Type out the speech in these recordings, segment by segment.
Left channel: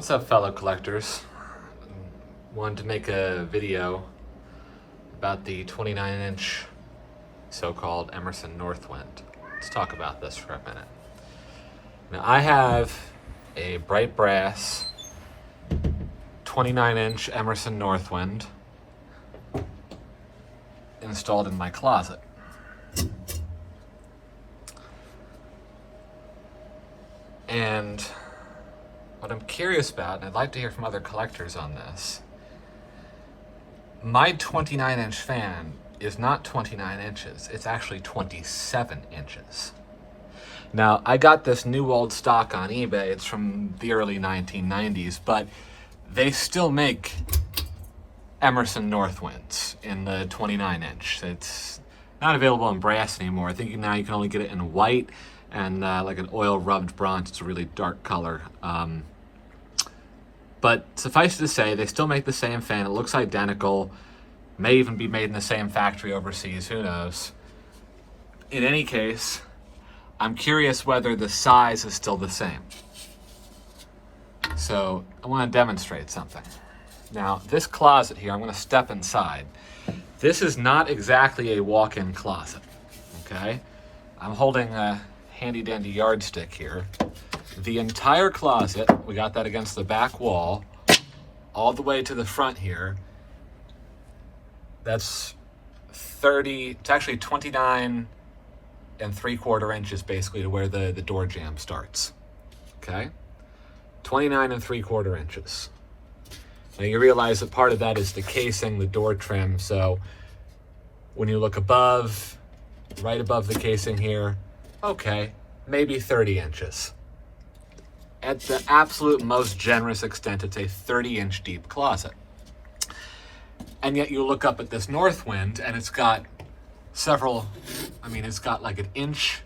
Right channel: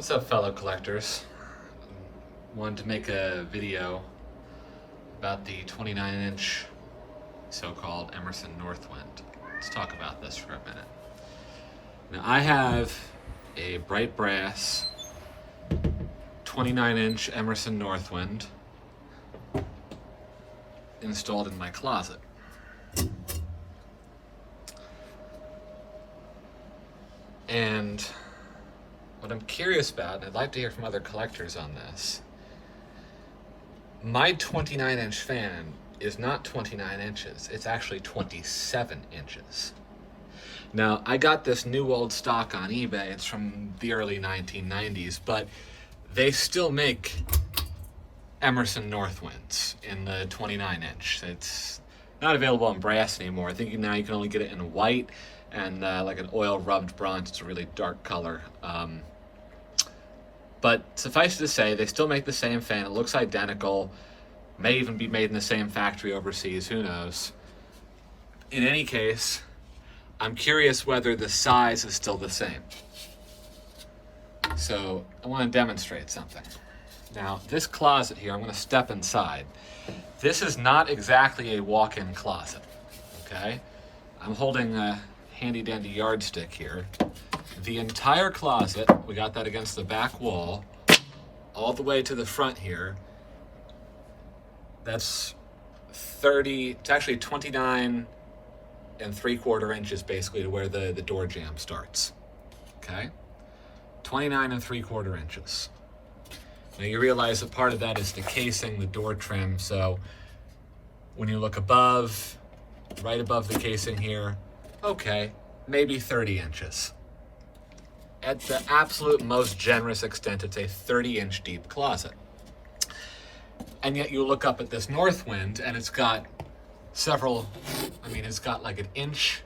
What's up, fellow collectors? Wanted to make a video about the 29-inch so-called Emerson Northwind. Let's talk about this for a minute. Now, I have a bright brass 29-inch Emerson Northwind installed in my closet. And what I'm curious about, and I'd like to hear from other collectors on this, my 29-inch fan is not 29 inches, it's actually 27 inches. Now, I got this new old stock on eBay, it's from the early 1990s, but they still make Emerson Northwinds in the 29-inch. It's not available in brass anymore. I think now you can only get it in white and like an oil rubbed bronze. It's a really dark color. But suffice to say, they still make the same fan. It looks identical. May even be made in the same factory overseas, who knows. In any case, I'm curious whether the size is still the same. So I want to demonstrate something. Now, this closet here, I'm going to step inside. This is not exactly a walk-in closet, okay? I'm holding a handy-dandy yardstick here. The entire closet, we got that against the back wall, all the way to the front here. That's 30, it's actually 29 3/4 inches basically to where the door jamb starts, okay? 29 3/4 inches. Now you realize that part of that is the casing, the door trim, so when you look above, right above the casing here, okay, maybe 30 inches. At the absolute most generous extent, it's a 30-inch deep closet. And yet you look up at this Northwind and it's got several, it's got like an inch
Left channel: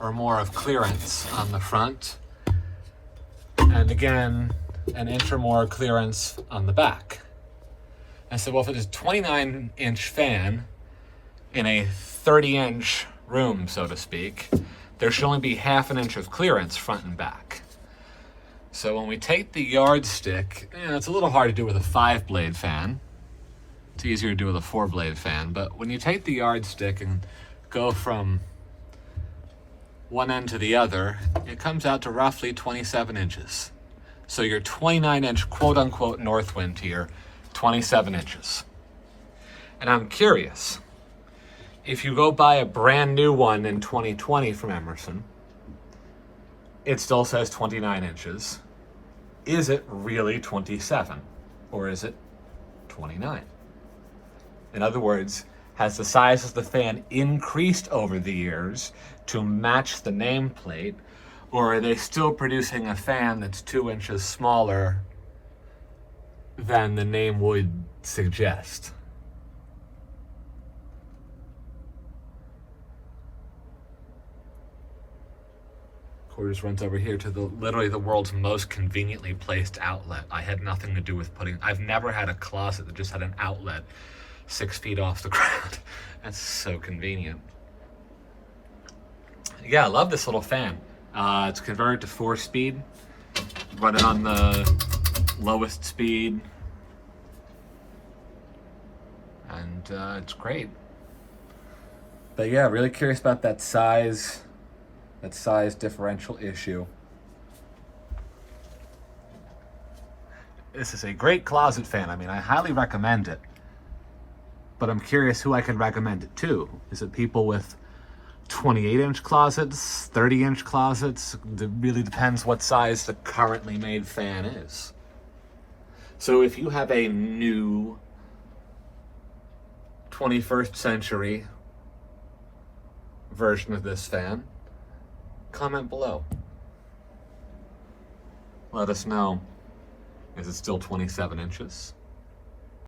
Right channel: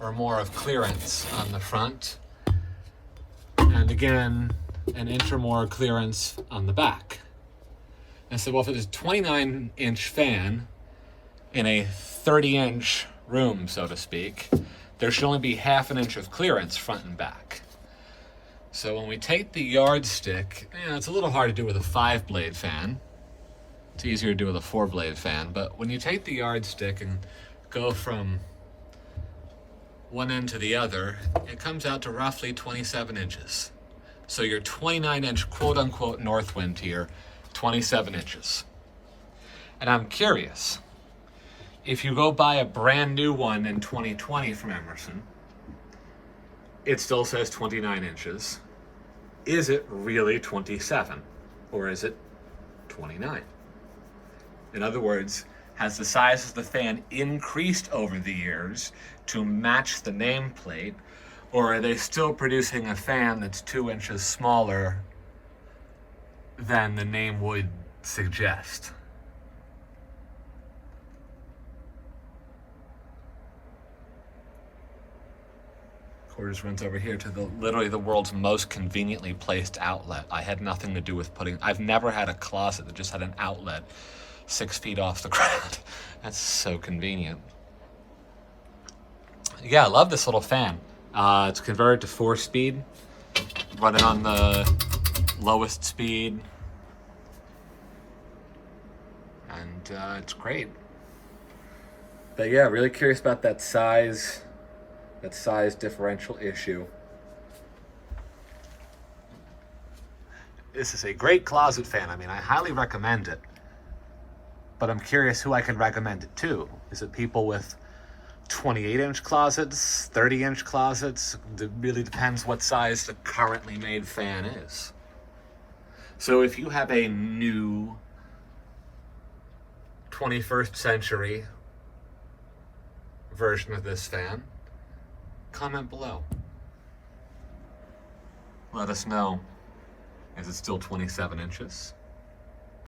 or more of clearance on the front. And again, an inch or more clearance on the back. And so, well, if it is a 29-inch fan in a 30-inch room, so to speak, there should only be ½ an inch of clearance front and back. So when we take the yardstick, it's a little hard to do with a 5-blade fan. It's easier to do with a 4-blade fan. But when you take the yardstick and go from one end to the other, it comes out to roughly 27 inches. So your 29-inch quote-unquote Northwind here, 27 inches. And I'm curious, if you go buy a brand new one in 2020 from Emerson, it still says 29 inches. Is it really 27? Or is it 29? In other words, has the size of the fan increased over the years to match the nameplate? Or are they still producing a fan that's 2 inches smaller than the name would suggest? Quarters runs over here to literally the world's most conveniently placed outlet. I had nothing to do with I've never had a closet that just had an outlet 6 feet off the ground. That's so convenient. Yeah, I love this little fan. It's converted to 4-speed, running on the lowest speed, and it's great. But yeah, really curious about that size differential issue. This is a great closet fan. I highly recommend it, but I'm curious who I can recommend it to. Is it people with 28-inch closets, 30-inch closets? It really depends what size the currently made fan is. So if you have a new 21st century version of this fan, comment below. Let us know. Is it still 27 inches?